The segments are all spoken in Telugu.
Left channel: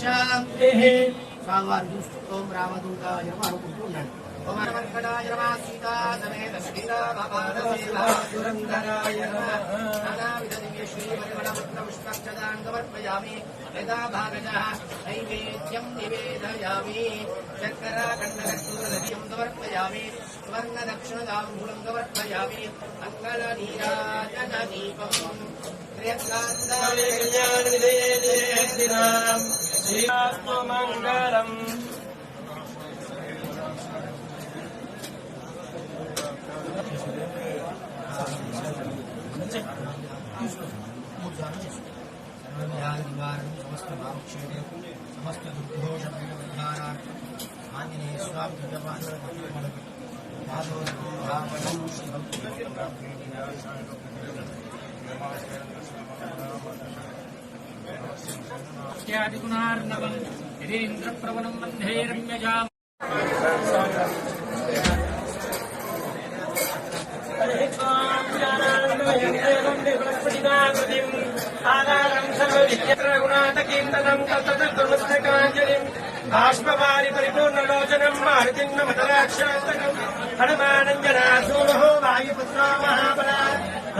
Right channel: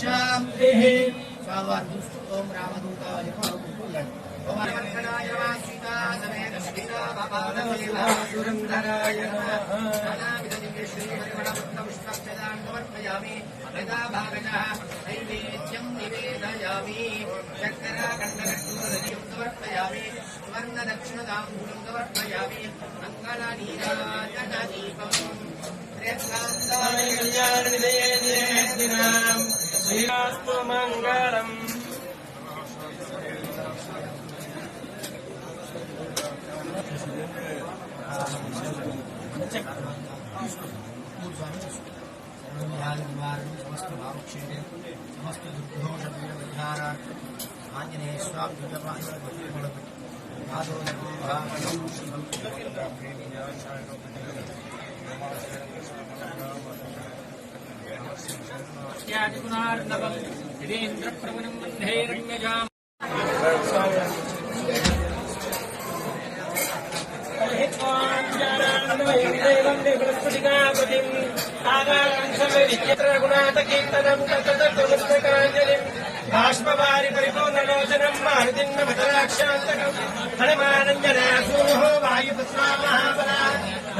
శాంతిః స్వామివారు ఓం రామదూతాయ నమః అనుకుంటున్నాడు. ఓం అనంతనాయ నమః సీతా సమేత సీతా భవాదురంధరాయ నమః నానావిధ దివ్య శ్రీ హరిమణపత్ర పుష్పాక్షదాన్ సమర్పయామి. యదా భాగశః నైవేద్యం నివేదయామి. శర్కర కంఠరక్షుదయం సమర్పయామి. స్వర్ణ దక్షిణ తాంబూలం సమర్పయామి. మంగళ నీరాజన దీపం శ్రీరాస్తు మంగళం. సమస్త భావక్షేమే సమస్త దుర్దోష పరిహారార్థం ఆంజనేయ స్వామి ేంద్రప్రవణం వందే రమ్యజాం. బాష్పవారి పరిపూర్ణలోచనం మారుతిన్న మతరాక్షరంతకం హనుమానంజనాసూనో వాయుపుత్రా మహాబలా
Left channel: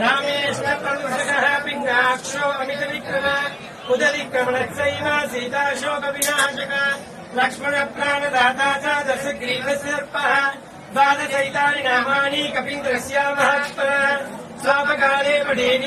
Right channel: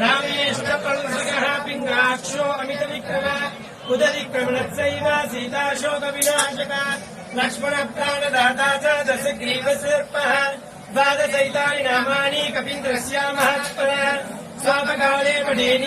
రామేష్ణ పల్సగః పింగాక్షో అమిత విక్రమ ఉదరిక్రమణస్సైవ సీతాశోక వినాశక లక్ష్మణ ప్రాణదాతా చ దశగ్రీవసర్పః ద్వాదశైతాని నామాని కపీంద్రస్య మహాత్మన స్వాపకాలే పఠేని